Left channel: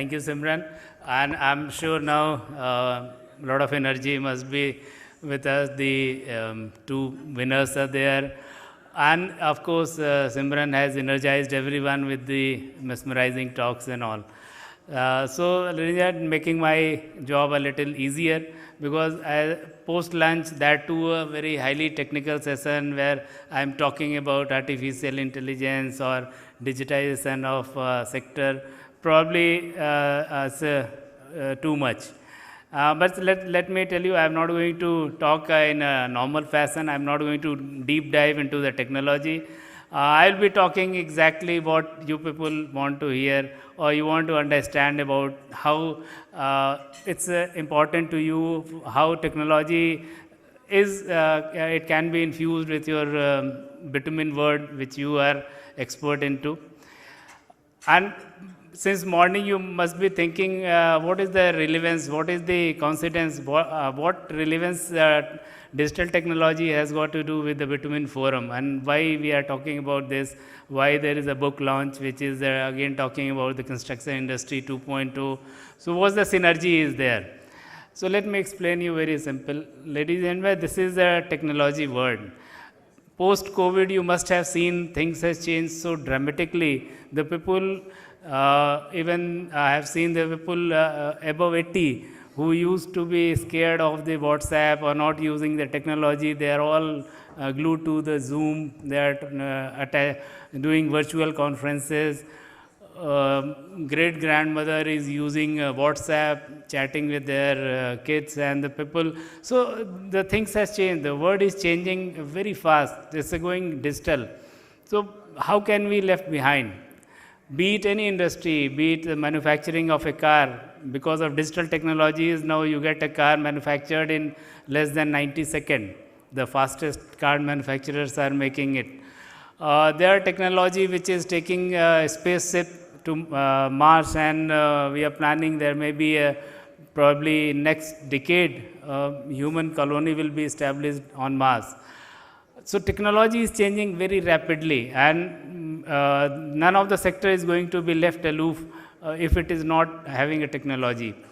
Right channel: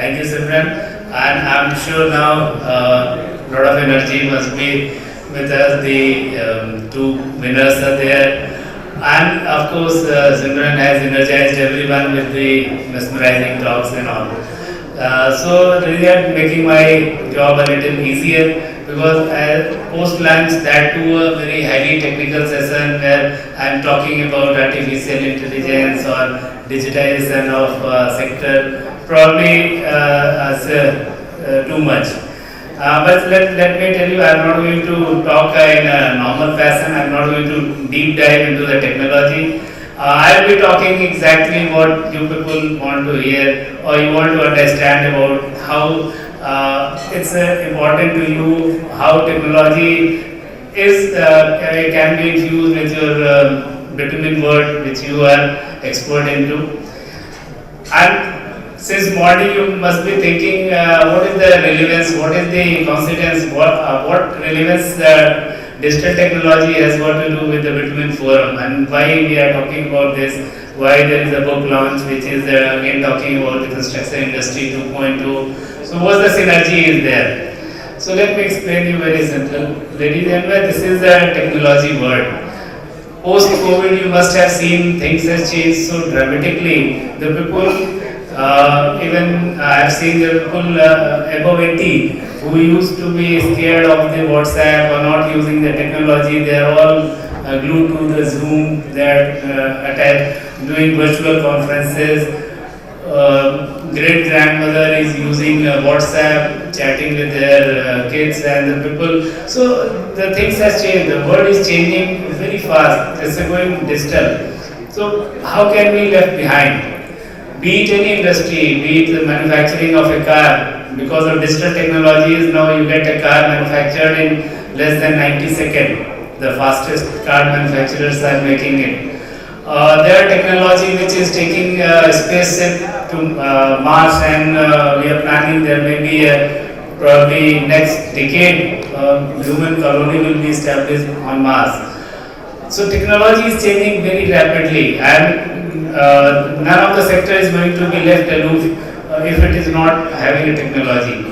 Thank you, Simran. And I'm sure now a lot of energy must be with us. The two winners are there. And of course, Simran has energized everyone with the mesmerizing talks and all. So they are making my job a little easier because post lunch that too a very highly technical session where I am talking about artificial intelligence or digitization of sector probably as too much. But let me tell you, I am not going to talk in a normal fashion. I am not going to deep dive into the technology. I will be talking exactly what you people want to hear or you want to understand about how it's important to you, how technology is can be infused with your bitumen world which you are expert into. And since morning you must be thinking what is the relevance, what is the consequence, what relevance digital technology has got to do with the Bitumen Forum and why we are talking about this, why there is a book launch which is again talking about the construction industry 2.2. So what the synergy is there? So let me explain you very simple. Ladies and gentlemen, this is the technology world. Post-COVID, you must have seen things have changed so dramatically. The people, even I have seen the people above 80 who used to be scared of the WhatsApp or not using the technology. They are all glued to the Zoom. They are doing virtual conferences. Great grandmother is using WhatsApp, chatting with their kids and the people. So the things has changed. The world is changing very fast. It's going digital. So how can we left behind? Be it any industry, be it the manufacturing of a car. Because of digital technologies, now you get a car manufactured in less than 90 seconds. The fastest car manufacturers are making it. There are technology which is taking space to Mars, and we are planning there may be probably next decade human colony will be established on Mars. So technology is changing very rapidly, and none of the sector is going to be left aloof if it is not having a technology.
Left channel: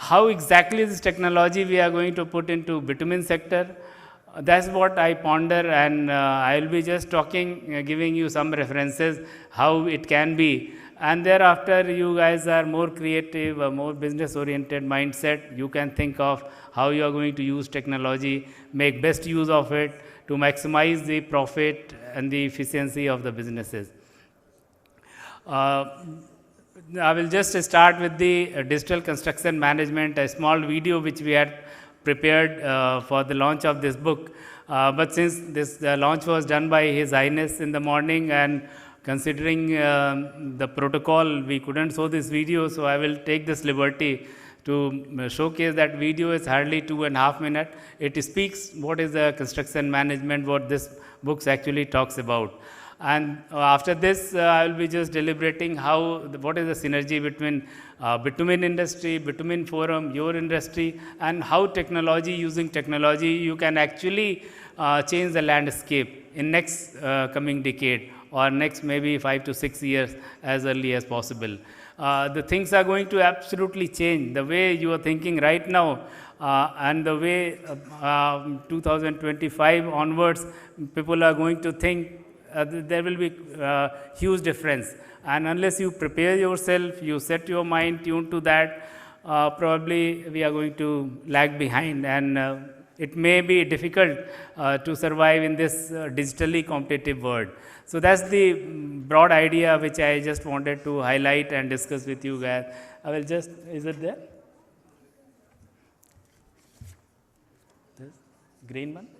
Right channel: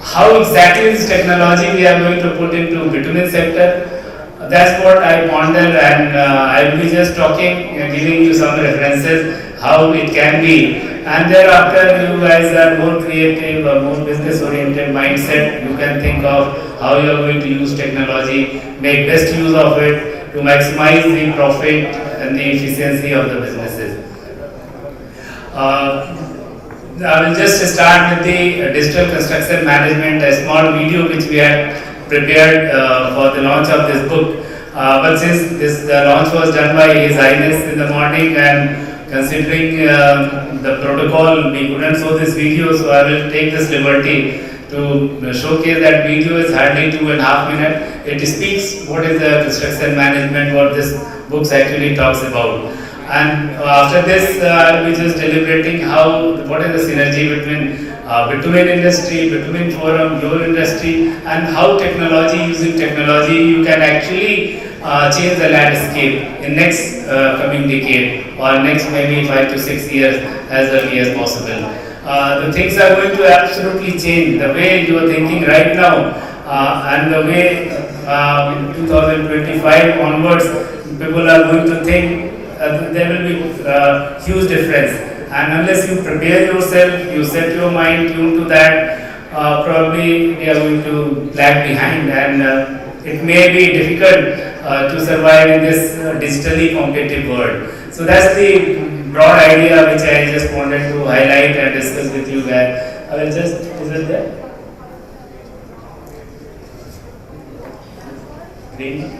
How exactly this technology we are going to put into bitumen sector? That's what I ponder, and I will be just talking and giving you some references how it can be. And thereafter, you guys are more creative or more business-oriented mindset. You can think of how you are going to use technology, make best use of it to maximize the profit and the efficiency of the businesses. I will just start with the digital construction management, a small video which we had prepared for the launch of this book. But since the launch was done by His Highness in the morning, and considering the protocol, we couldn't show this video, so I will take this liberty to showcase that video. Is hardly 2.5 minutes. It speaks what is the construction management, what this book actually talks about. And after this, I will be just deliberating what is the synergy between bitumen industry, bitumen forum, your industry, and how using technology, you can actually change the landscape in next coming decade or next maybe 5 to 6 years as early as possible. The things are going to absolutely change. The way you are thinking right now and the way 2025 onwards, people are going to think there will be huge difference. And unless you prepare yourself, you set your mind tuned to that, probably we are going to lag behind, and it may be difficult to survive in this digitally competitive world. So that's the broad idea which I just wanted to highlight and discuss with you guys. I will just is it there? Please.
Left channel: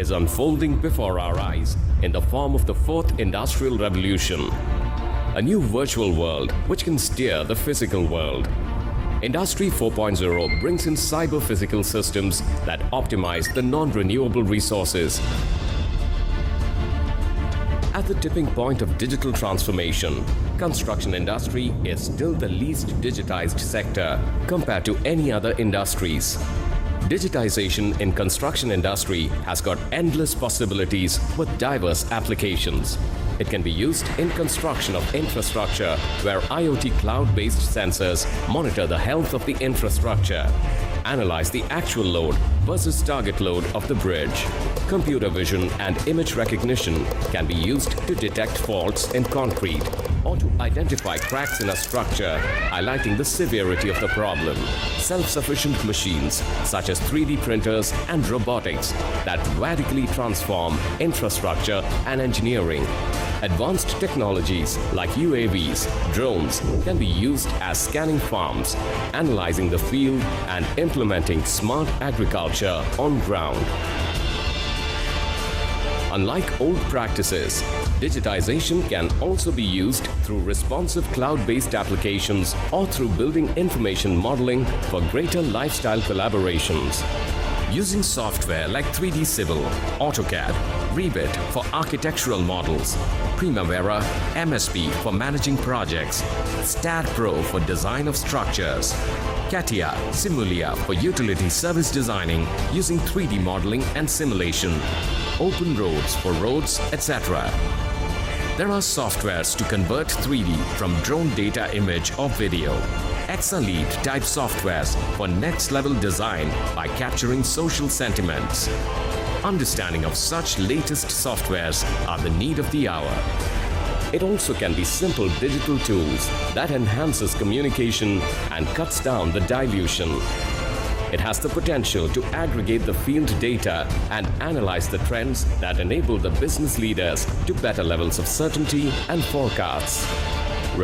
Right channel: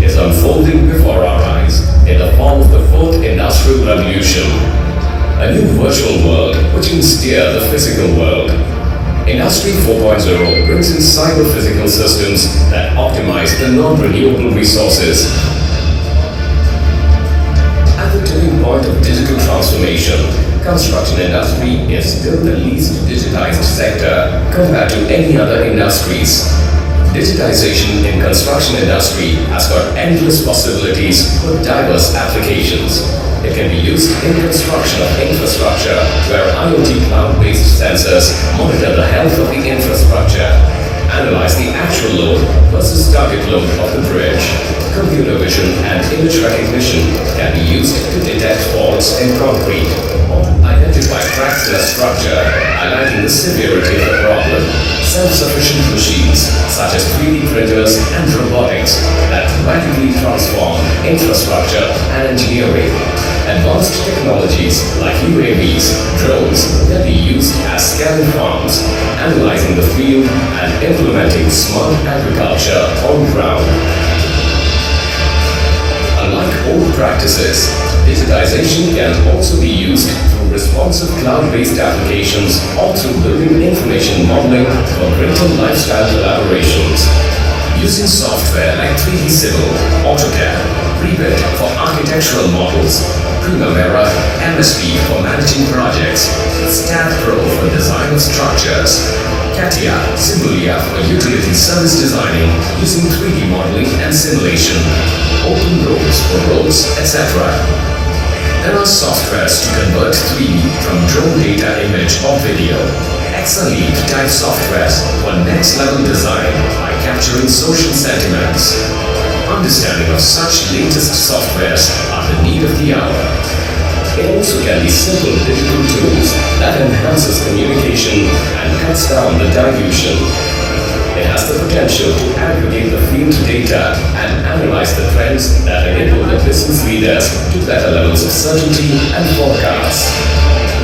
Is unfolding before our eyes in the form of the fourth industrial revolution. A new virtual world which can steer the physical world. Industry 4.0 brings in cyber-physical systems that optimize the non-renewable resources. point of digital transformation, construction industry is still the least digitized sector compared to any other industries. Digitization in construction industry has got endless possibilities for diverse applications. It can be used in construction of infrastructure where IoT cloud-based sensors monitor the health of the infrastructure, analyze the actual load versus target load of the bridge. Computer vision and image recognition can be used to detect faults in concrete or identify cracks in a structure, highlighting the severity of the problem. Self-sufficient machines such as 3D printers and robotics that radically transform infrastructure and engineering. Advanced technologies like UAVs, drones can be used as scanning farms, analyzing the field and implementing smart agriculture on ground. Unlike old practices, digitization can also be used through responsive cloud-based applications or through building information modeling for greater lifestyle collaborations. Using software like 3D Civil, AutoCAD, Revit for architectural models, Primavera, MSP for managing projects, SCAD Pro for design of structures, CATIA, Simulia for utility service designing using 3D modeling and simulation, open roads for roads, etc. There are softwares to convert 3D from drone data, image or video. XLE type softwares for next level design by capturing social sentiments. Understanding of such latest softwares are the need of the hour. It also can be simple digital tools that enhances communication and cuts down the dilution. It has the potential to aggregate the field data and analyze the trends that enable the business leaders to better levels of certainty and forecast.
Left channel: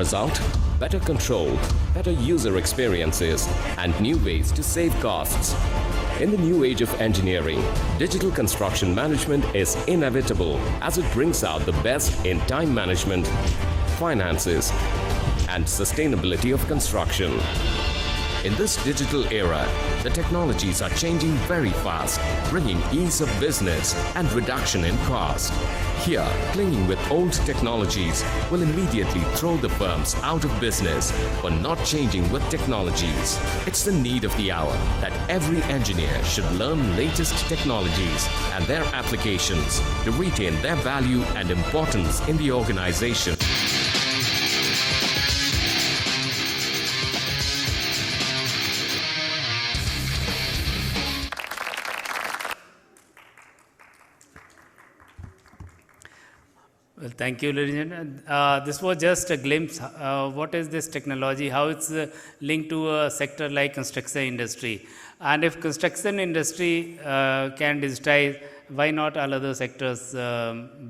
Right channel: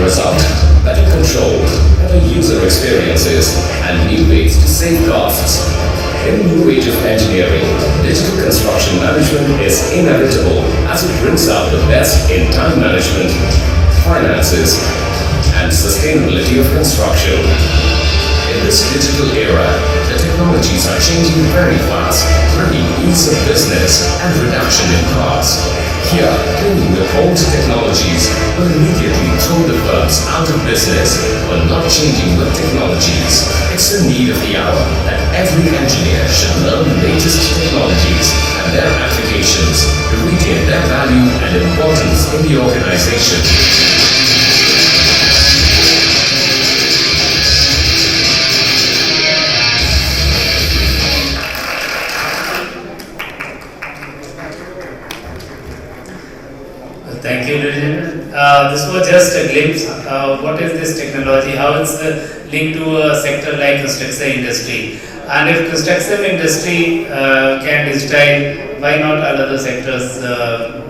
Result: better control, better user experiences, and new ways to save costs. In the new age of engineering, digital construction management is inevitable as it brings out the best in time management, finances, and sustainability of construction. In this digital era, the technologies are changing very fast, bringing ease of business and reduction in costs. Here, dealing with old technologies will immediately throw the firms out of business, but not changing with technologies. It's a need of the hour that every engineer should learn the latest technologies and their applications to retain their value and importance in the organization. Thank you, Rashid. This was just a glimpse of what is this technology, how it's linked to a sector like construction industry. And if construction industry can digitize, why not other sectors,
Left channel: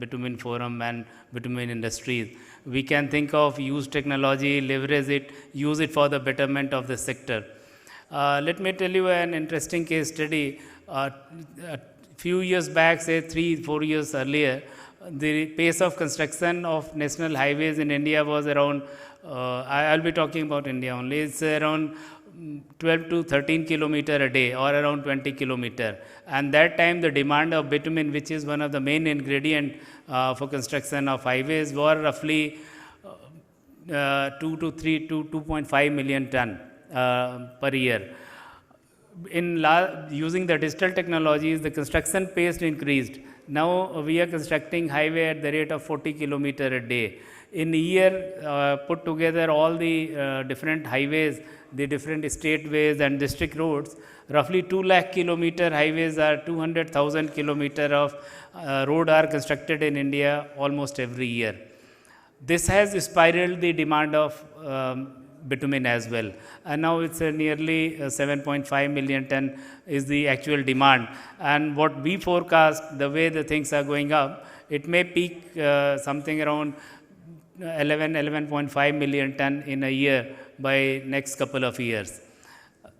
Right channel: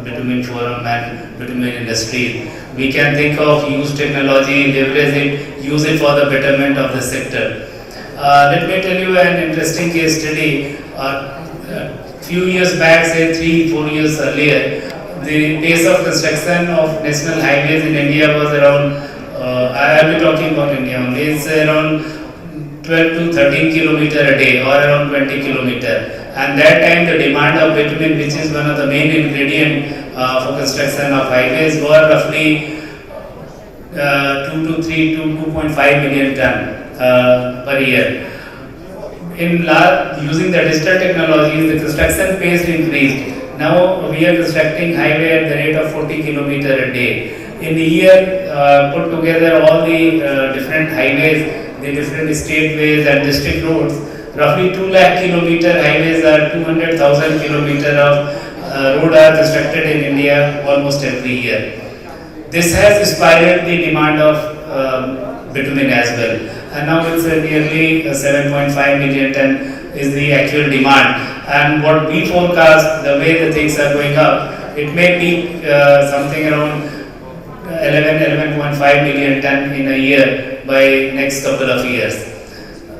Bitumen forum and Bitumen industry? We can think of use technology, leverage it, use it for the betterment of the sector. Let me tell you an interesting case study. Few years back, say 3-4 years earlier, the pace of construction of national highways in India was around, I will be talking about India only, it's around 12 to 13 kilometer a day or around 20 kilometer. And that time the demand of bitumen, which is one of the main ingredient for construction of highways, were roughly 2 to 3 to 2.5 million ton per year. Using the digital technology, the construction pace increased. Now we are constructing highway at the rate of 40 km a day. In a year, put together all the different highways, the different state ways and district roads, roughly 2 lakh kilometer highways are 200,000 km of road are constructed in India almost every year. This has spiraled the demand of bitumen as well. And now it's nearly 7.5 million ton is the actual demand. And what we forecast, the way the things are going up, it may be something around 11.5 million ton in a year by next couple of years.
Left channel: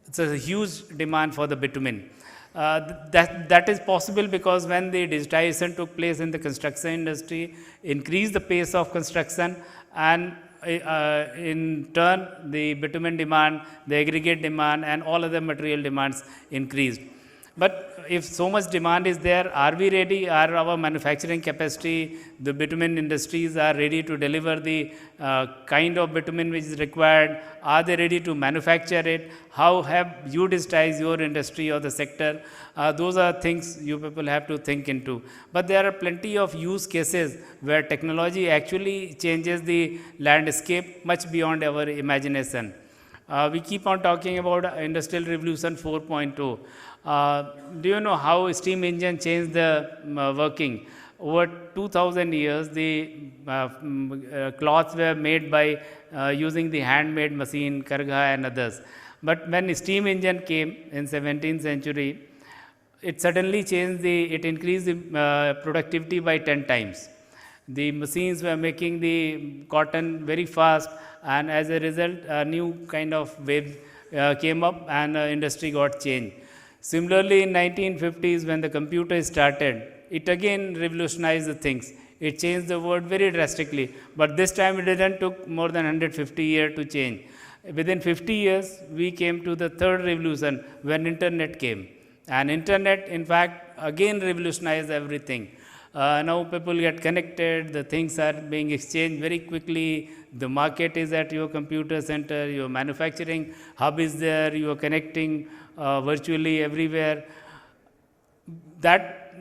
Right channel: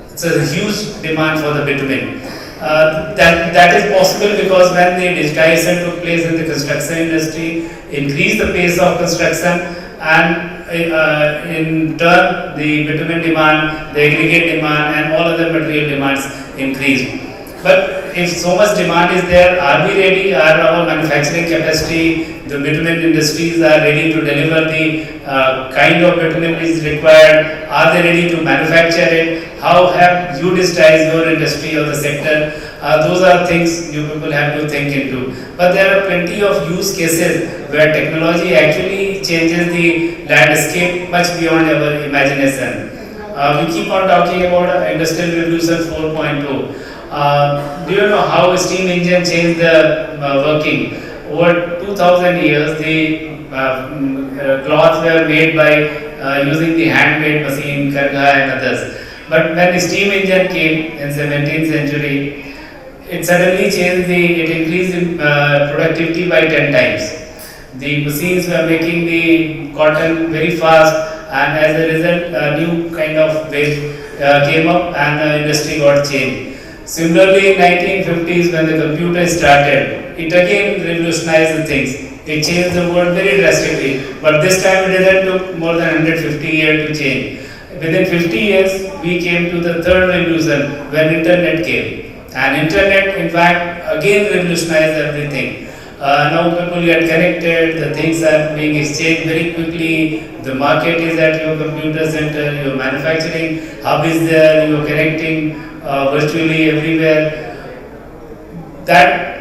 So a huge demand for the bitumen. That is possible because when the digitization took place in the construction industry, increased the pace of construction, and in turn the bitumen demand, the aggregate demand, and all other material demands increased. But if so much demand is there, are we ready? Are our manufacturing capacity, the bitumen industries are ready to deliver the kind of bitumen is required? Are they ready to manufacture it? How have you digitized your industry or the sector? Those are things you people have to think into. But there are plenty of use cases where technology actually changes the landscape much beyond our imagination. We keep on talking about industrial revolution 4.0. Do you know how steam engine changed the working? Over 2000 years, the cloths were made by using the handmade machine, karga and others. But when the steam engine came in 17th century, it suddenly changed it increased productivity by 10 times. The machines were making the cotton very fast, and as a result, a new kind of wave came up and the industry got changed. Similarly, in 1950s when the computer started, it again revolutionized the things. It changed the world very drastically, but this time it took more than 150 years to change. Within 50 years, we came to the third revolution when internet came. And internet, in fact, again revolutionized everything. Now people get connected, the things are being exchanged very quickly, the market is at your computer center, your manufacturing hub is there, you are connecting virtually everywhere. That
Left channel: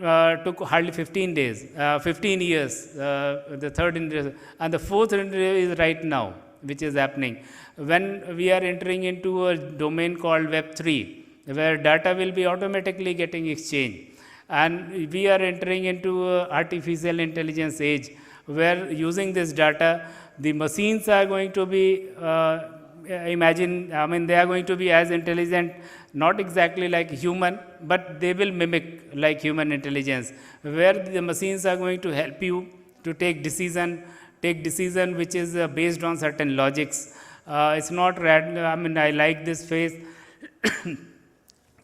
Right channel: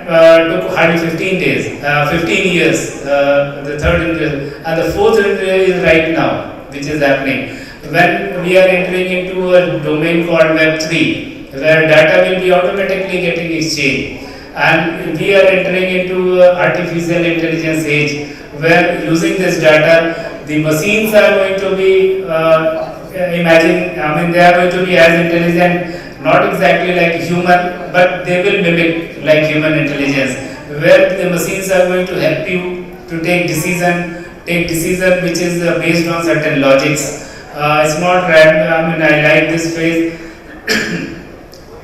took hardly 15 days, 15 years, the third interval. And the fourth interval is right now, which is happening. When we are entering into a domain called Web 3, where data will be automatically getting exchanged. And we are entering into artificial intelligence age, where using this data, the machines are going to be, they are going to be as intelligent, not exactly like human, but they will mimic like human intelligence, where the machines are going to help you to take decision which is based on certain logics. It's not random. I like this phrase,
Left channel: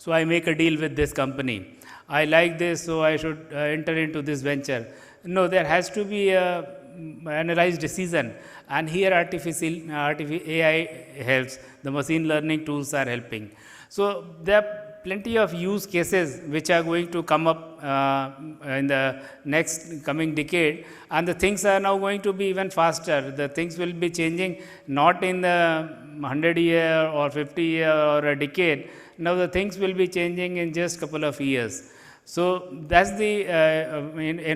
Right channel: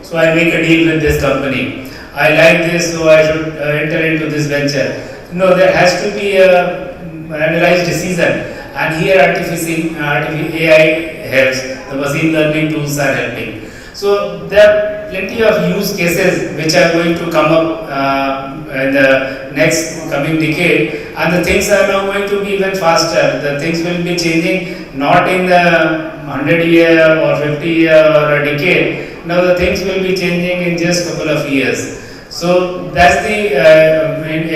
so I make a deal with this company. I like this, so I should enter into this venture. No, there has to be a analyzed decision, and here artificial AI helps. The machine learning tools are helping. So there are plenty of use cases which are going to come up in the next coming decade, and the things are now going to be even faster. The things will be changing not in the 100 year or 50 year or a decade. Now the things will be changing in just a couple of years. So that's the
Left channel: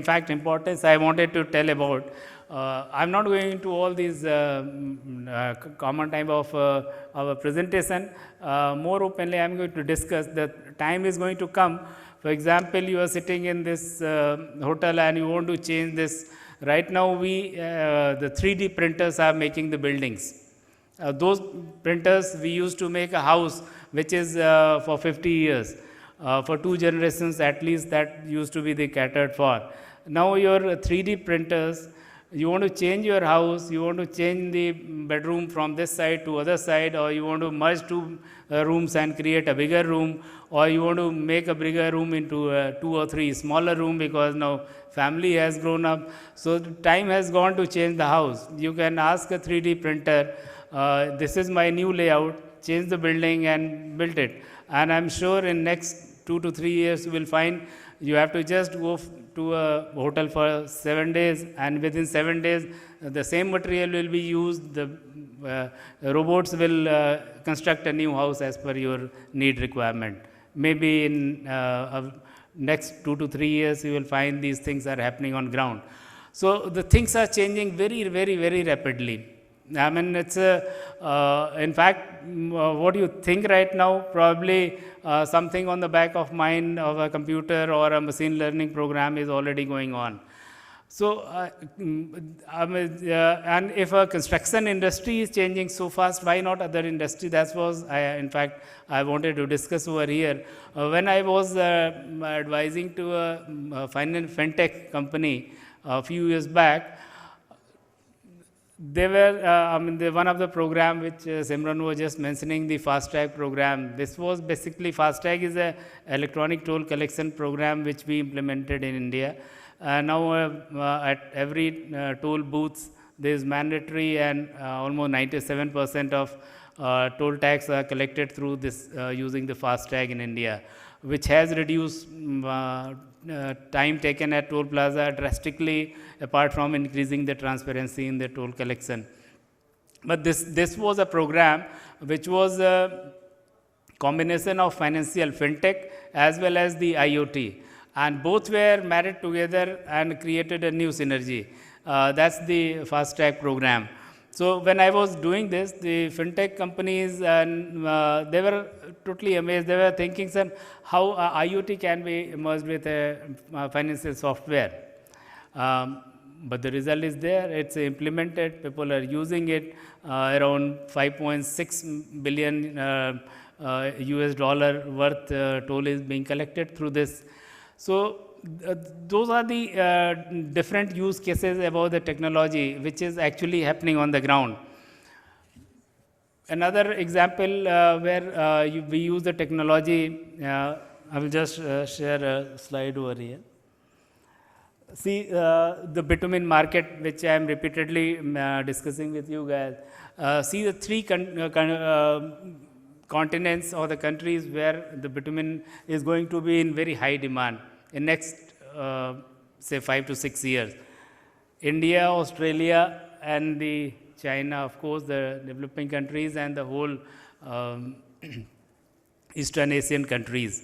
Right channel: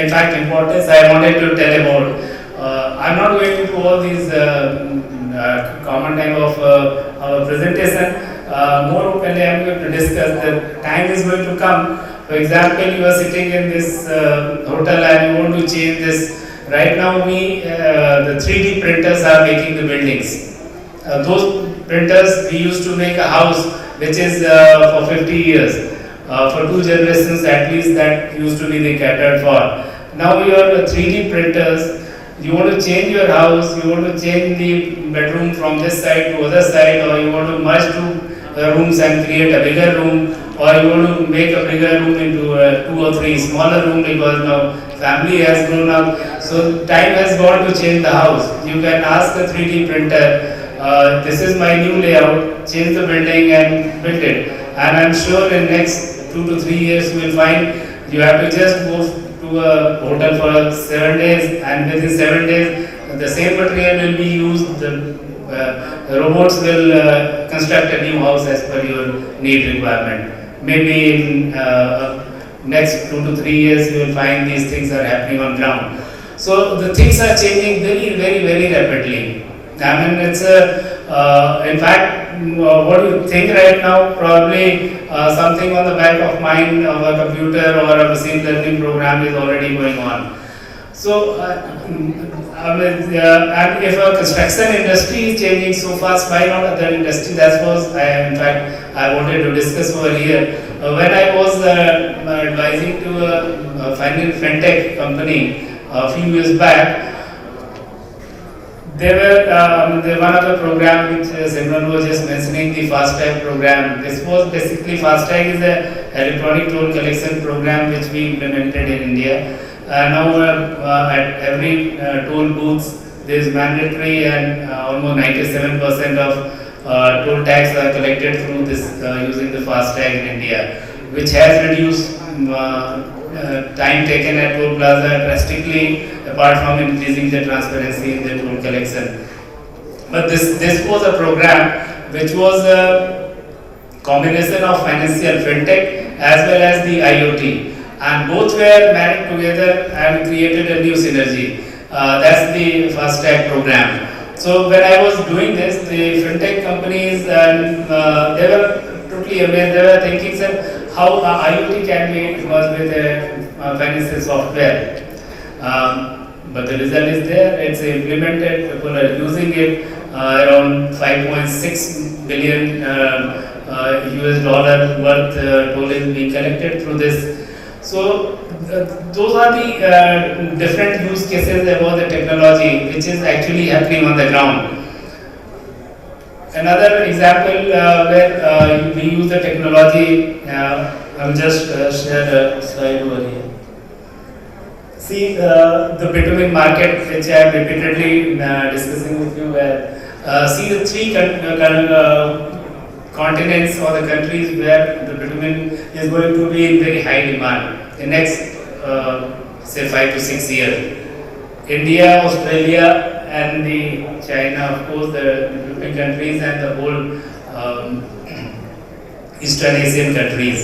in fact importance I wanted to tell about. I'm not going to all these common type of presentation. More I'm going to discuss that time is going to come. For example, you are sitting in this hotel and you want to change this. Right now, the 3D printers are making the buildings. Those printers we used to make a house which is for 50 years. For 2 generations at least that used to be the catered for. Now you have 3D printers, you want to change your house, you want to change the bedroom from this side to other side, or you want to merge 2 rooms and create a bigger room, or you want to make a bigger room into 2 or 3 smaller rooms because now family has grown up. So time has gone to change the house. You can ask the 3D printer, this is my new layout, change the building and build it. And I'm sure in next 2 to 3 years you will find you have to just move to a hotel for 7 days, and within 7 days the same material will be used. The robots will construct a new house as per your need requirement. Maybe in next 2 to 3 years you will find these things are happening on ground. So the things are changing very, very, very rapidly. I mean, it's in fact, what you think right now, probably something on the back of mind of a computer or a machine learning program is already going on. So, and if a construction industry is changing so fast, why not other industry? That was, in fact, I wanted to discuss over here. When I was advising to a fintech company a few years back, there were one of the program which Simran was just mentioning, the FASTag program. This was basically FASTag is an electronic toll collection program which we implemented in India. Now at every toll booths there is mandatory, and almost 97% of toll tax are collected through this using the FASTag in India, which has reduced time taken at toll plaza drastically, apart from increasing the transparency in the toll collection. But this was a program which was a combination of financial fintech as well as the IoT, and both were married together and created a new synergy. That's the fast track program. So when I was doing this, the fintech companies and they were totally aware. They were thinking, sir, how IoT can be merged with financial software. But the result is there. It's implemented. People are using it. Around 5.6 billion US dollar worth toll is being collected through this. So those are the different use cases about the technology which is actually happening on the ground. Another example where we use the technology, I'll just share a slide over here. See the Bitumen market, which I am repeatedly discussing with you. See the three continents or the countries where the bitumen is going to be in very high demand in the next say 5 to 6 years. India, Australia, and the China, of course, the European countries and the whole Eastern Asian countries.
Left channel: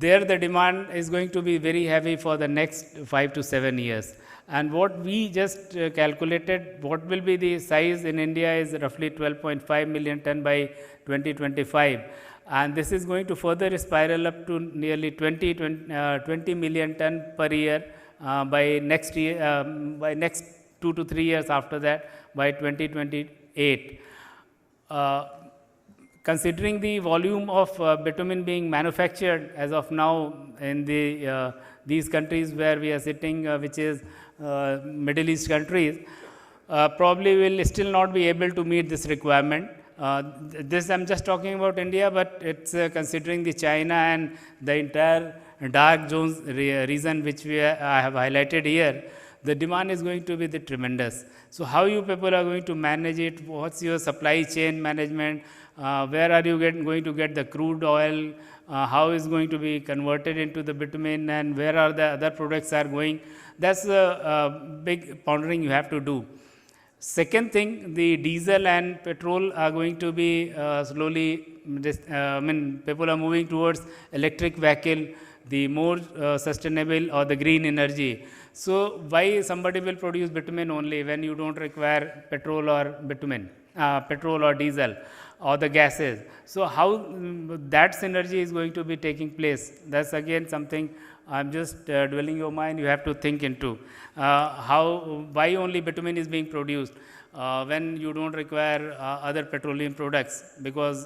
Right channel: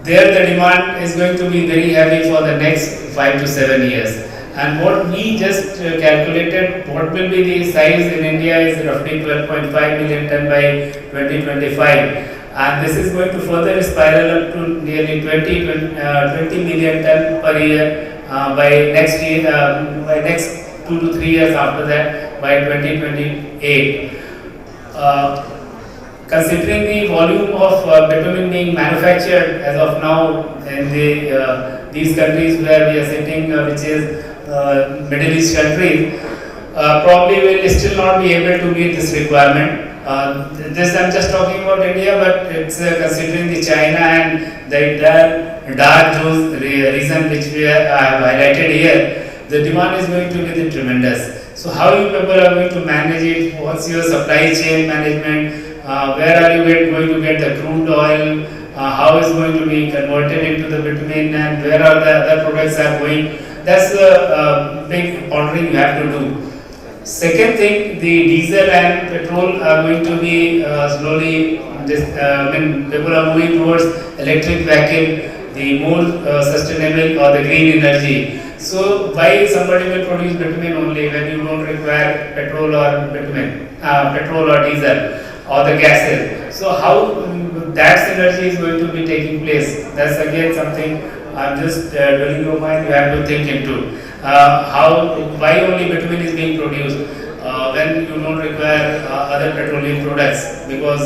There the demand is going to be very heavy for the next 5 to 7 years. And what we just calculated, what will be the size in India is roughly 12.5 million ton by 2025. And this is going to further spiral up to nearly 20 million ton per year by next year, by next 2 to 3 years after that, by 2028. Considering the volume of bitumen being manufactured as of now in these countries where we are sitting, which is Middle East countries, probably will still not be able to meet this requirement. This I'm just talking about India, but it's considering the China and the entire dark region which we have highlighted here, the demand is going to be tremendous. So how you people are going to manage it? What's your supply chain management? Where are you going to get the crude oil? How is going to be converted into the bitumen, and where are the other products are going? That's the big boundary you have to do. Second thing, the diesel and petrol are going to be slowly, when people are moving towards electric vehicle, the more sustainable or the green energy. So, why somebody will produce bitumen only when you don't require petrol or diesel or the gases? So, how that synergy is going to be taking place? That's again something I'm just dwelling your mind, you have to think into. Why only bitumen is being produced when you don't require other petroleum products, because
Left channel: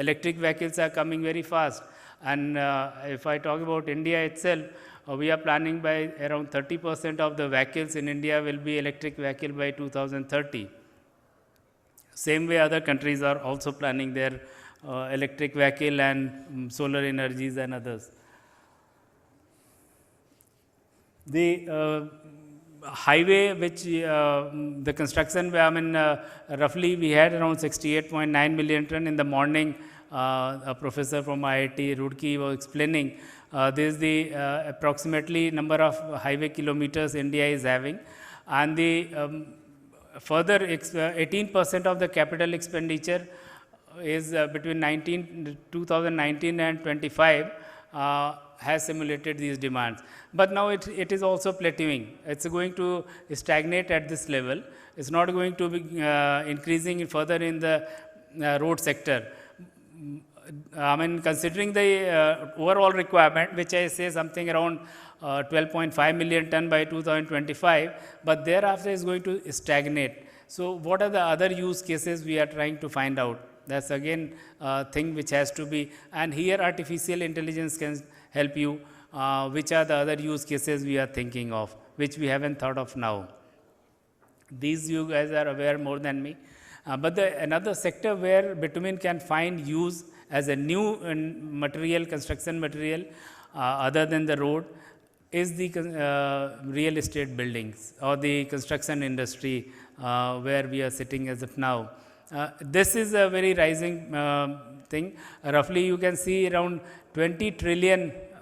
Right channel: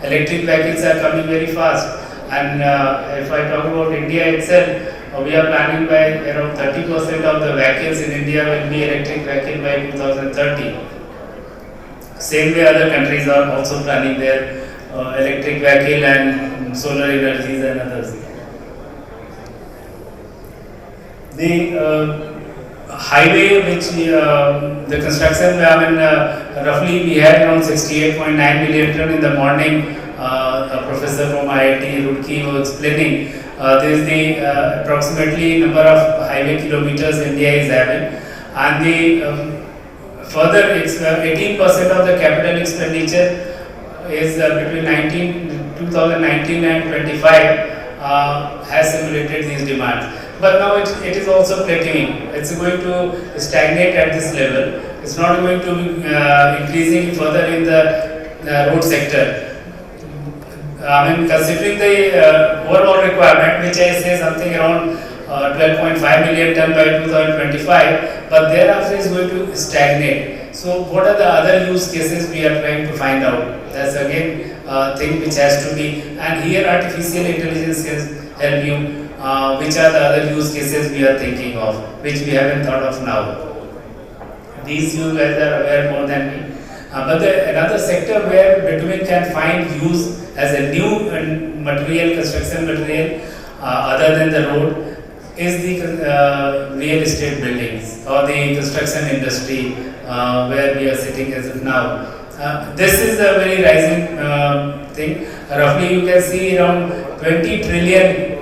electric vehicles are coming very fast. And if I talk about India itself, we are planning by around 30% of the vehicles in India will be electric vehicle by 2030. Same way other countries are also planning their electric vehicle and solar energies and others. The highway which the construction, roughly we had around 68.9 million ton in the morning. A professor from IIT Roorkee was explaining there is the approximately number of highway kilometers India is having, and the further it's 18% of the capital expenditure is between 2019 and 25 has simulated these demands. But now it is also plateauing. It's going to stagnate at this level. It's not going to be increasing further in the road sector. Considering the overall requirement, which I say something around 12.5 million ton by 2025, but thereafter is going to stagnate. So, what are the other use cases we are trying to find out? That's again a thing which has to be, and here artificial intelligence can help you. Which are the other use cases we are thinking of, which we haven't thought of now. These you guys are aware more than me. But another sector where bitumen can find use as a new material, construction material, other than the road, is the real estate buildings or the construction industry where we are sitting as of now. This is a very rising thing. Roughly you can see around 20 trillion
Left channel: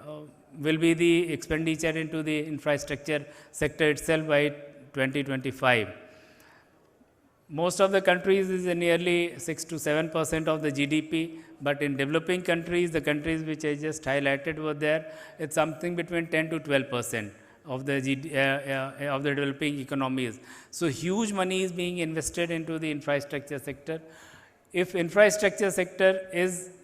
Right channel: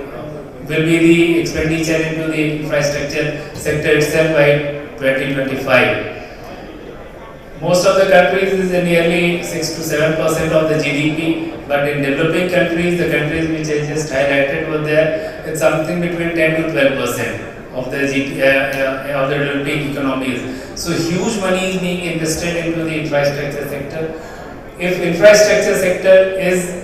will be the expenditure into the infrastructure sector itself by 2025. Most of the countries is nearly 6 to 7% of the GDP, but in developing countries, the countries which I just highlighted over there, it's something between 10 to 12% of the of the developing economies. So huge money is being invested into the infrastructure sector. If infrastructure sector is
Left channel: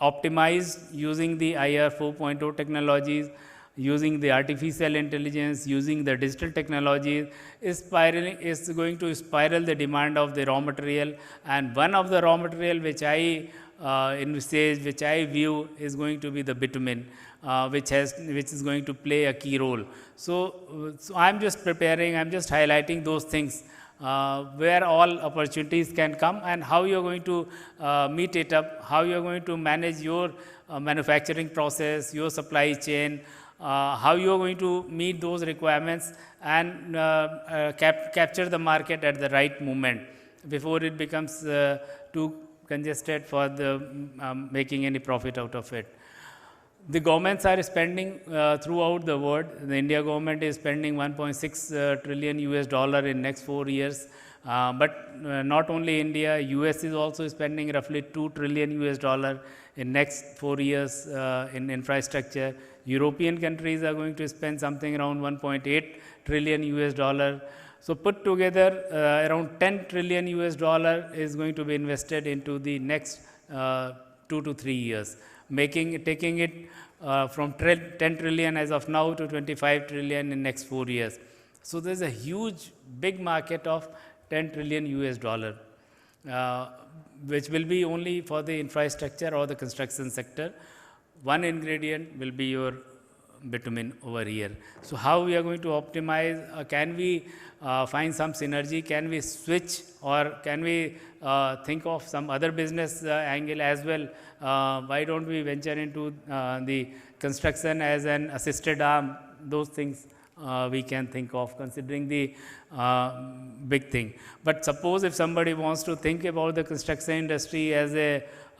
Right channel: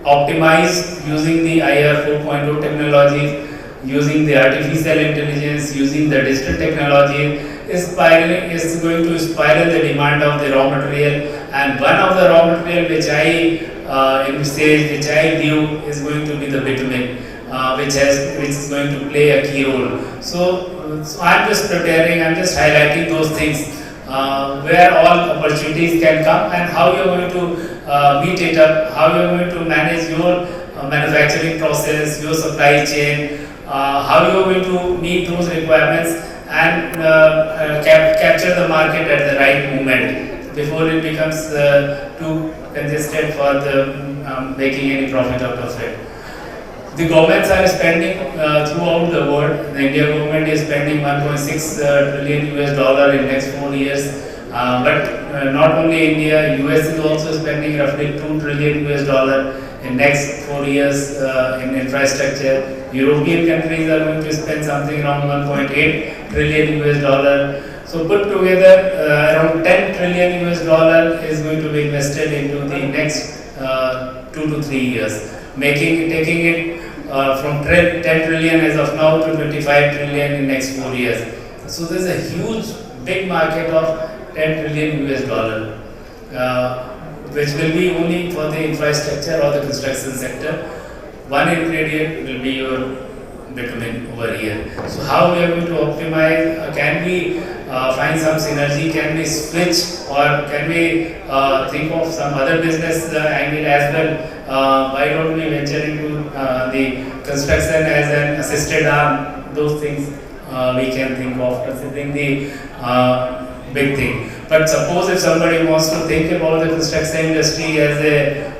optimized using the IR 4.0 technologies, using the artificial intelligence, using the digital technology, is going to spiral the demand of the raw material. And one of the raw material which I view is going to be the bitumen, which is going to play a key role. So I'm just highlighting those things where all opportunities can come and how you're going to meet it up, how you're going to manage your manufacturing process, your supply chain, how you're going to meet those requirements and capture the market at the right moment before it becomes too congested for the making any profit out of it. The governments are spending throughout the world. The Indian government is spending 1.6 trillion US dollar in next 4 years. But not only India, US is also spending roughly 2 trillion US dollar in next 4 years in infrastructure. European countries are going to spend something around 1.8 trillion US dollar. So put together around 10 trillion US dollar is going to be invested into the next 2 to 3 years, taking it from 10 trillion as of now to 25 trillion in next 4 years. So there is a huge, big market of 10 trillion US dollar, which will be only for the infrastructure or the construction sector. One ingredient will be your bitumen over here. So how we are going to optimize? Can we find some synergy? Can we switch or can we think of some other business angle as well? Why don't we venture into the construction as an assisted arm? Those things we can think of considering the big thing. But suppose if somebody wants to think about the construction industry as a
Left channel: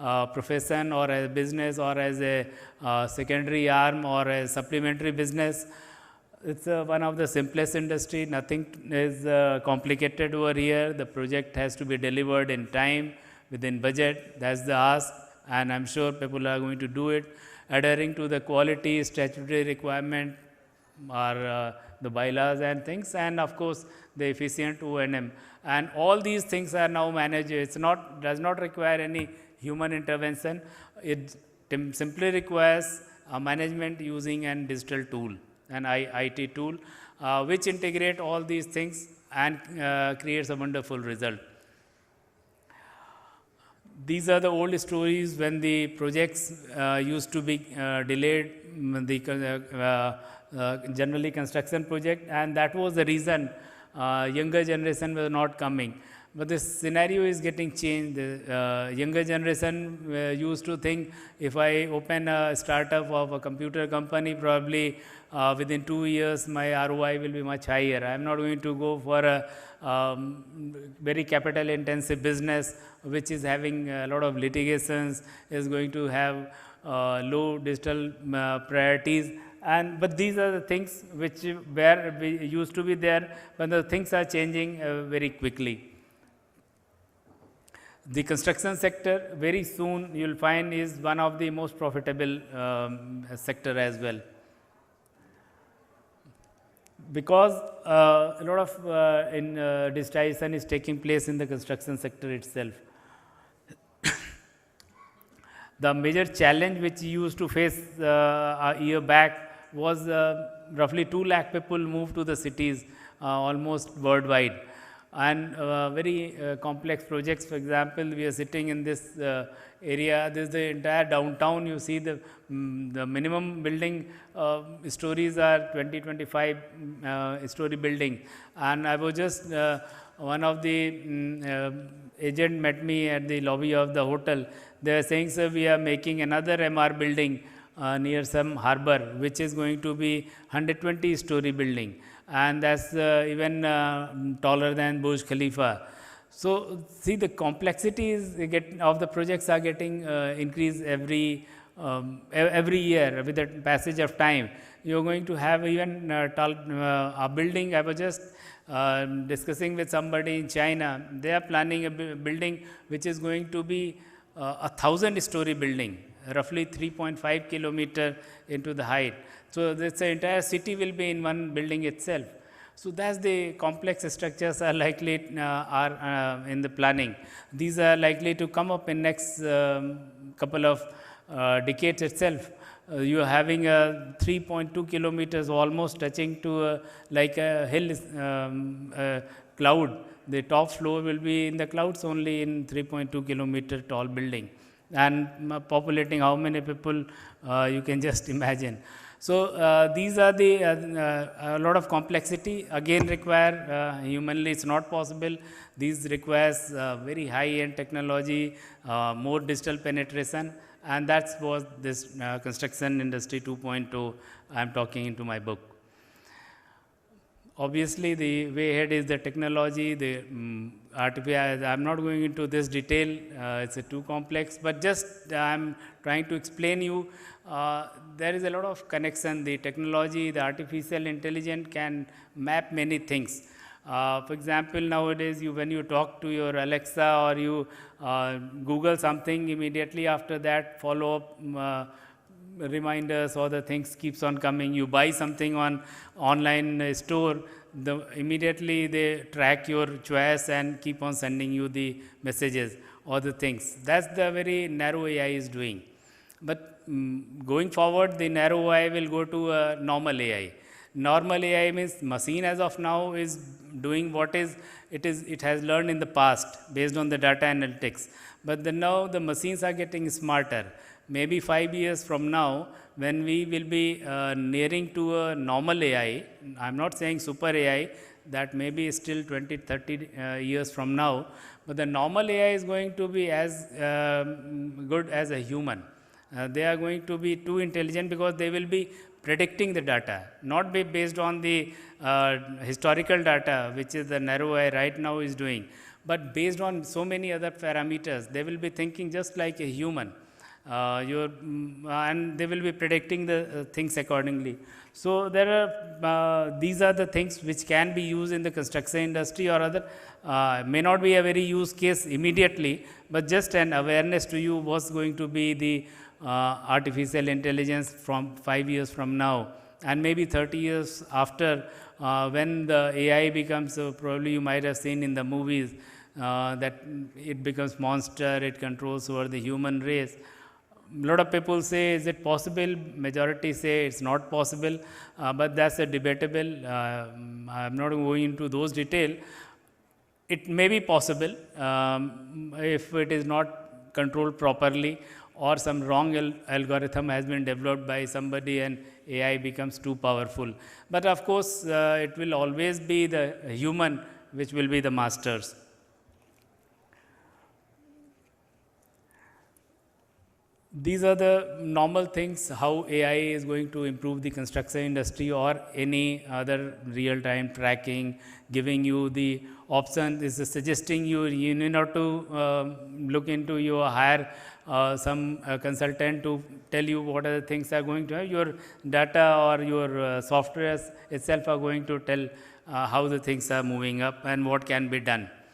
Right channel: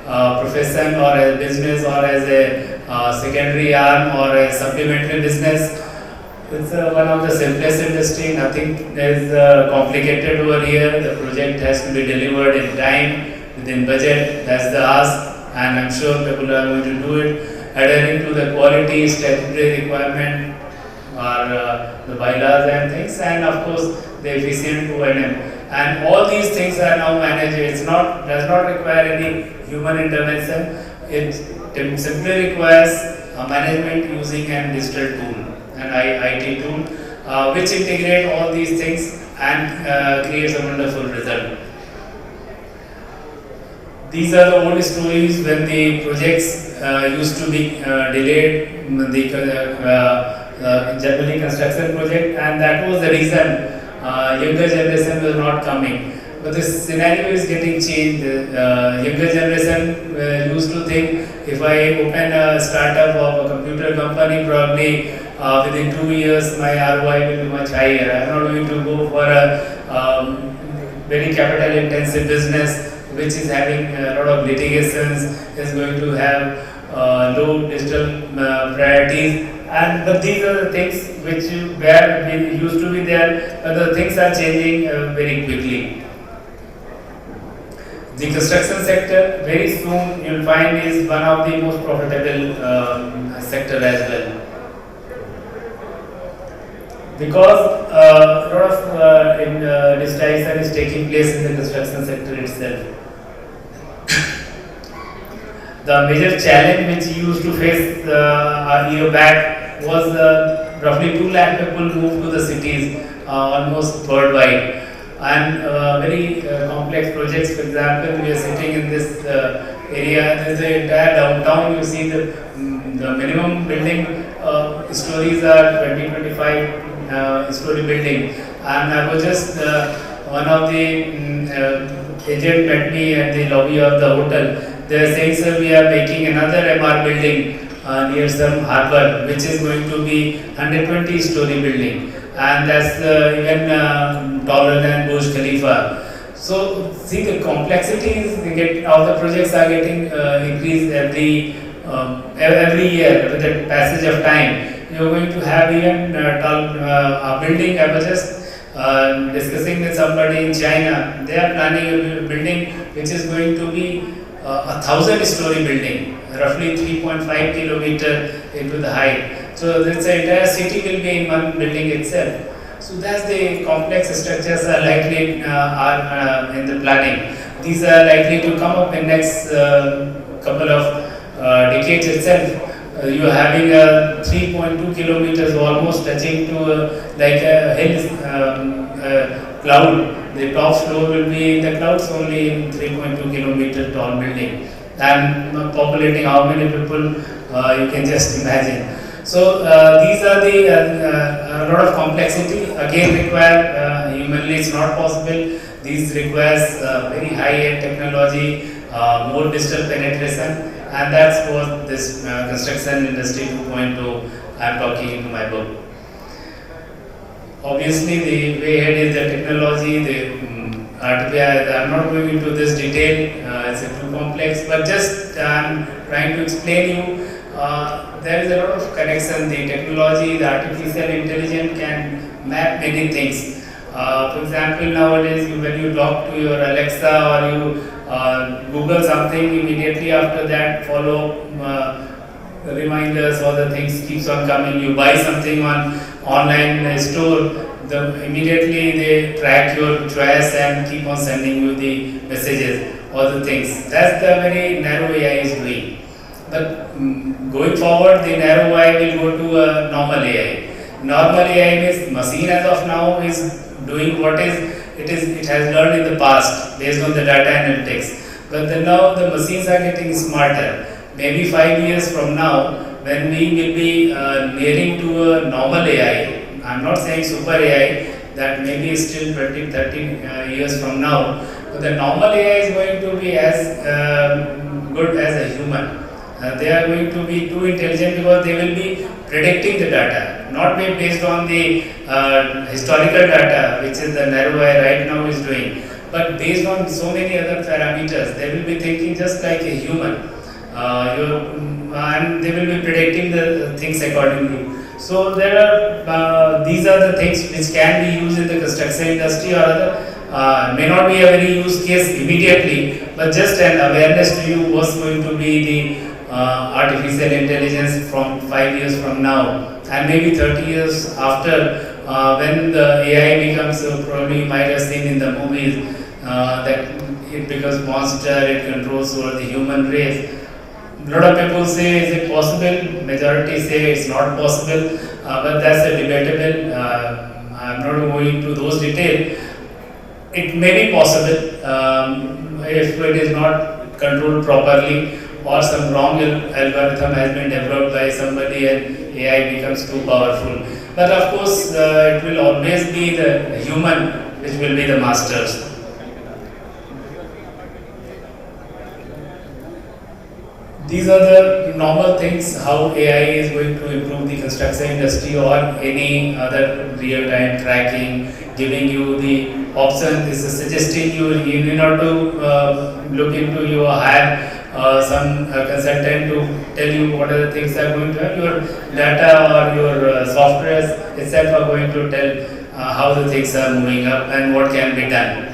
profession or as a business or as a secondary arm or a supplementary business, it's one of the simplest industry. Nothing is complicated over here. The project has to be delivered in time, within budget as the ask, and I'm sure people are going to do it, adhering to the quality, statutory requirement, or the bylaws and things, and of course the efficient O&M. And all these things are now managed. Does not require any human intervention. It simply requires management using a digital tool, an IT tool, which integrate all these things and creates a wonderful result. These are the old stories when the projects used to be delayed, generally construction project, and that was the reason younger generation was not coming. But this scenario is getting changed. Younger generation used to think if I open a startup of a computer company, probably within 2 years my ROI will be much higher. I am not going to go for a very capital intensive business which is having a lot of litigations, is going to have low digital priorities. But these are the things which used to be there, but the things are changing very quickly. The construction sector, very soon you will find, is one of the most profitable sector as well. Because a lot of digitization is taking place in the construction sector itself. The major challenge which you used to face a year back was roughly 2 lakh people moved to the cities almost worldwide. And very complex projects, for example, we are sitting in this area, there is the entire downtown, you see the minimum building stories are 20-25 story building. And I was just, one of the agent met me at the lobby of the hotel. They are saying, sir, we are making another MR building near some harbor, which is going to be 120 story building. And that's even taller than Burj Khalifa. So, see, the complexities of the projects are getting increased every every year with the passage of time. You are going to have even a building. I was just discussing with somebody in China. They are planning a building which is going to be a 1,000-story building, roughly 3.5 kilometer into the height. So this entire city will be in one building itself. So that's the complex structures are likely are in the planning. These are likely to come up in next couple of decades itself. You are having a 3.2 kilometers almost touching to like a hill cloud. The top floor will be in the clouds only in 3.2 kilometer tall building, and populating how many people you can just imagine. So these are the a lot of complexity. Again, require humanly it's not possible. These requires very high-end technology, more digital penetration, and that's what this construction industry 2.0 I'm talking in my book. Obviously, the way ahead is the technology. I'm not going into this detail. It's too complex, but just I'm trying to explain you. There is a lot of connection. The technology, the artificial intelligence can map many things. For example, nowadays when you talk to your Alexa or you Google something, immediately after that follow reminders or the things keeps on coming. You buy something on online store, immediately they track your choice and keep on sending you the messages or the things. That's the very narrow AI is doing. But going forward, the narrow AI will go to a normal AI. Normal AI means machine as of now is doing what it has learned in the past based on the data analytics. But now the machines are getting smarter. Maybe 5 years from now, when we will be nearing to a normal AI, I'm not saying super AI, that maybe still 20, 30 years from now, the normal AI is going to be as good as a human. They are going to be too intelligent because they will be predicting the data, not be based on the historical data, which is the narrow AI right now is doing, but based on so many other parameters. They will be thinking just like a human, and they will be predicting the things accordingly. So there are these are the things which can be used in the construction industry, or may not be a very use case immediately, but just an awareness to you what's going to be the artificial intelligence from 5 years from now, and maybe 30 years after, when the AI becomes, probably you might have seen in the movies, that it becomes monster, it controls over the human race. A lot of people say, is it possible? Majority say it's not possible, but that's a debatable. I'm not going into those details. It may be possible if it is not controlled properly, or some wrong algorithm has been developed by somebody and AI becomes too powerful. But of course, it will always be the human which will be the masters. These are the normal things how AI is going to improve the construction industry or any other real-time tracking, giving you the option. This is suggesting you need not to look into your hire some consultant to tell you what are the things are going to happen. Your data or your software itself are going to tell how the things are moving up and what can be done.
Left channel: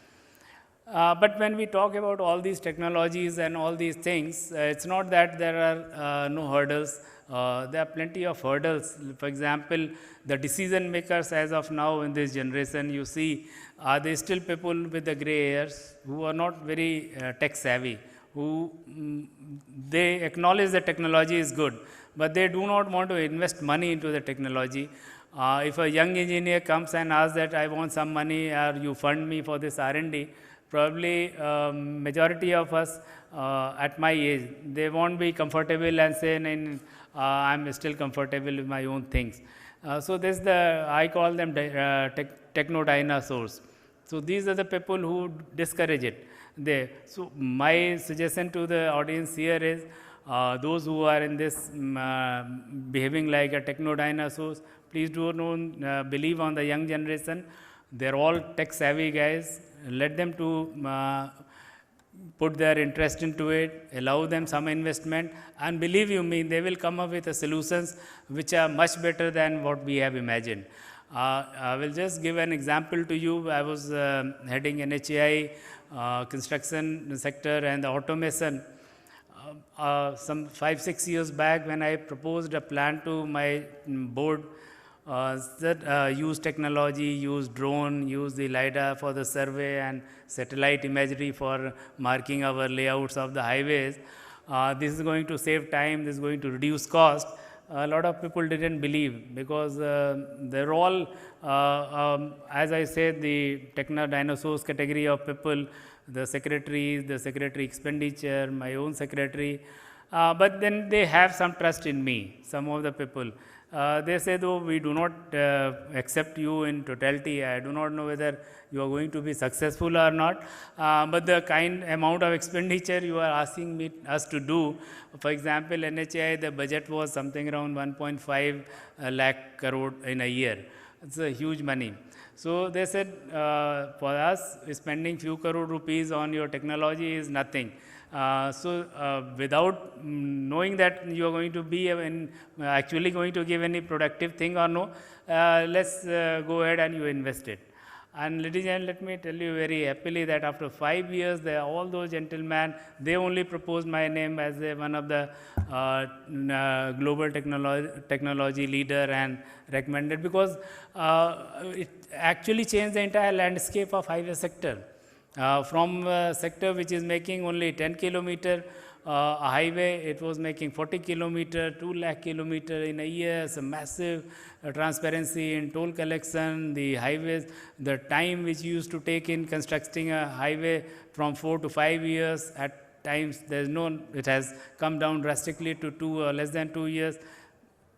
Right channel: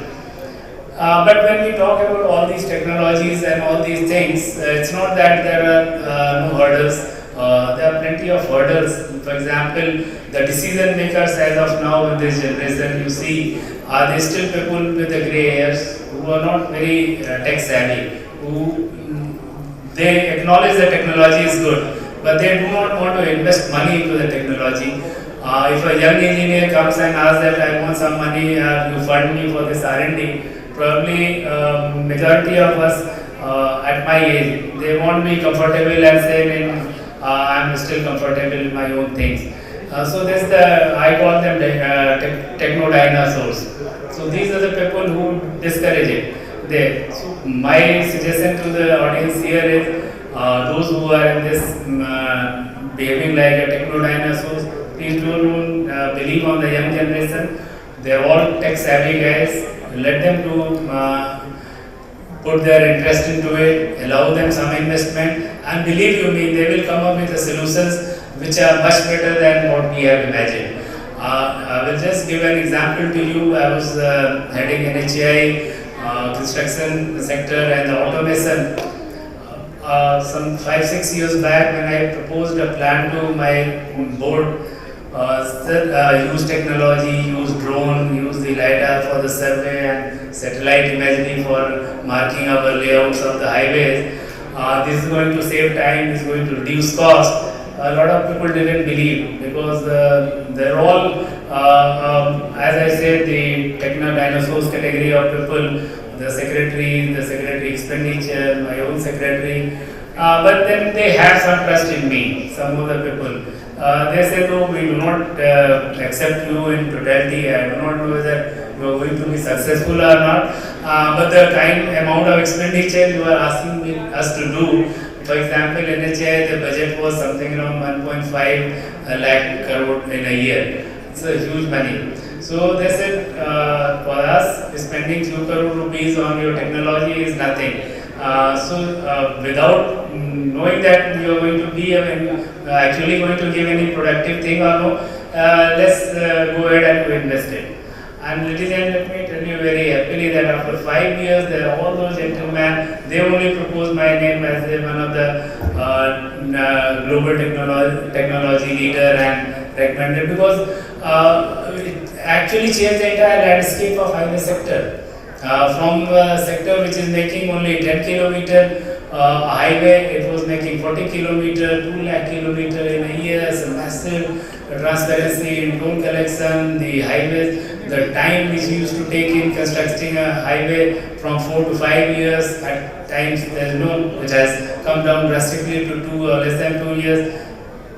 But when we talk about all these technologies and all these things, it's not that there are no hurdles. There are plenty of hurdles. For example, the decision makers as of now in this generation, you see, are they still people with the grey hairs who are not very tech savvy, who they acknowledge that technology is good, but they do not want to invest money into the technology. If a young engineer comes and asks that I want some money, you fund me for this R&D, probably majority of us at my age, they won't be comfortable and say, I'm still comfortable in my own things. So this I call them techno dinosaurs. So these are the people who discourage it. So my suggestion to the audience here is those who are in this behaving like a techno dinosaurs, please don't believe on the young generation. They are all tech savvy guys. Let them to put their interest into it, allow them some investment, And believe you me, they will come up with the solutions which are much better than what we have imagined. I will just give an example to you. I was heading NHAI, construction sector and the automation. Some 5-6 years back, when I proposed a plan to my board, use technology, use drone, use the LiDAR for the survey and satellite imagery for marking our layouts of the highways. This is going to save time, this is going to reduce cost. A lot of people didn't believe because they're all, as I said, the techno dinosaurs category of people, the secretary expenditure, my own secretary. But then they have some trust in me, some of the people. They say, no, we will not accept you in totality. I do not know whether you are going to be successful or not. But the amount of expenditure you are asking us to do, for example, NHAI, the budget was something around 1.5 lakh crore in a year. It's a huge money. So they said, for us, spending 2 crore rupees on your technology is nothing. Without knowing that you are going to be actually going to give any productive thing or no, let's go ahead and invest it. And ladies and let me tell you very happily that after 5 years, there are all those gentlemen, they only proposed my name as one of the global technology leader and recommended because it actually changed the entire landscape of highway sector. From a sector which is making only 10 kilometer highway, it was making 40 kilometer, 2 lakh kilometer in a year, massive transparency in toll collection, the highways, the time which used to take in constructing a highway from 4 to 5 years, at times it has come down drastically to 2 or less than 2 years,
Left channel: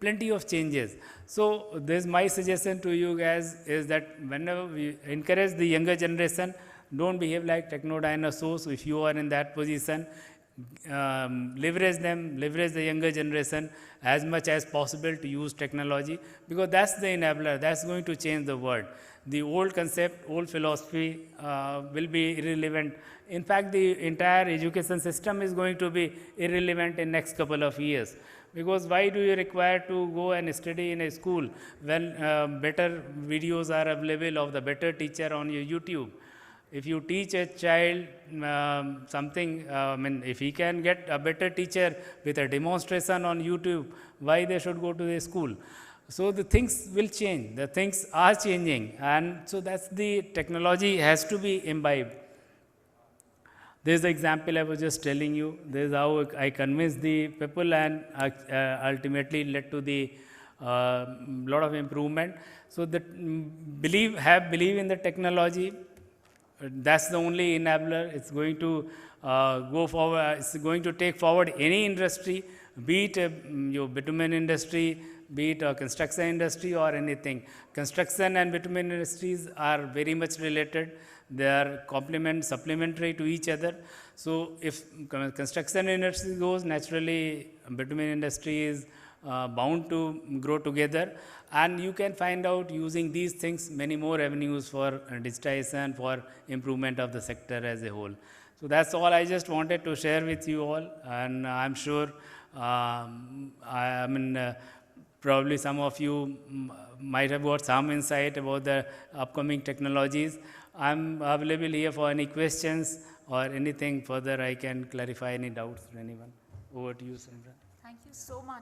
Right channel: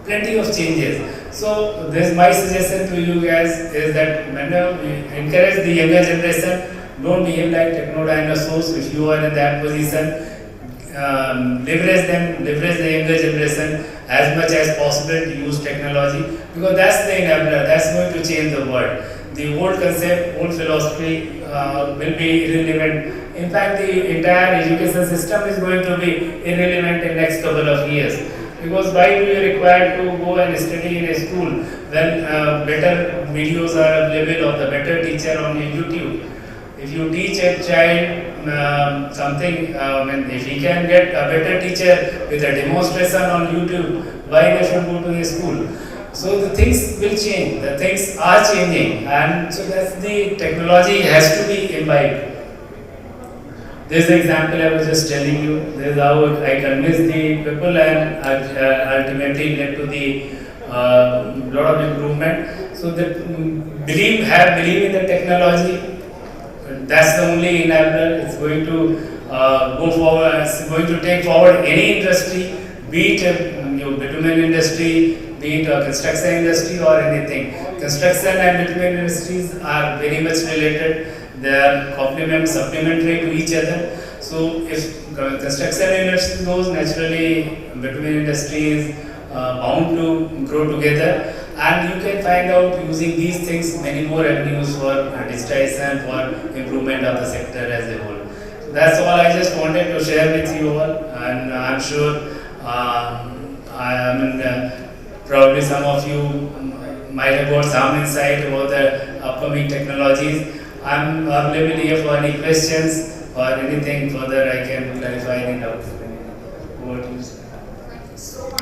plenty of changes. So this is my suggestion to you guys is that whenever we encourage the younger generation, don't behave like techno dinosaurs. If you are in that position, leverage the younger generation as much as possible to use technology because that's the enabler, that's going to change the world. The old concept, old philosophy will be irrelevant. In fact, the entire education system is going to be irrelevant in the next couple of years. Because why do you require to go and study in a school when better videos are available or the better teacher on YouTube? If you teach a child something, if he can get a better teacher with a demonstration on YouTube, why they should go to the school? So the things will change, the things are changing, and so that's the technology has to be imbibed. This is the example I was just telling you. This is how I convinced the people and ultimately led to the lot of improvement. So that believe in the technology. That's the only enabler. It's going to go forward. It's going to take forward any industry, be it your bitumen industry, be it a construction industry or anything. Construction and bitumen industries are very much related. They are supplementary to each other. So if the construction industry goes, naturally bitumen industry is bound to grow together. And you can find out using these things many more avenues for digitization, for improvement of the sector as a whole. So that's all I just wanted to share with you all. And I'm sure probably some of you might have got some insight over the upcoming technologies. I'm available here for any questions or anything further I can clarify in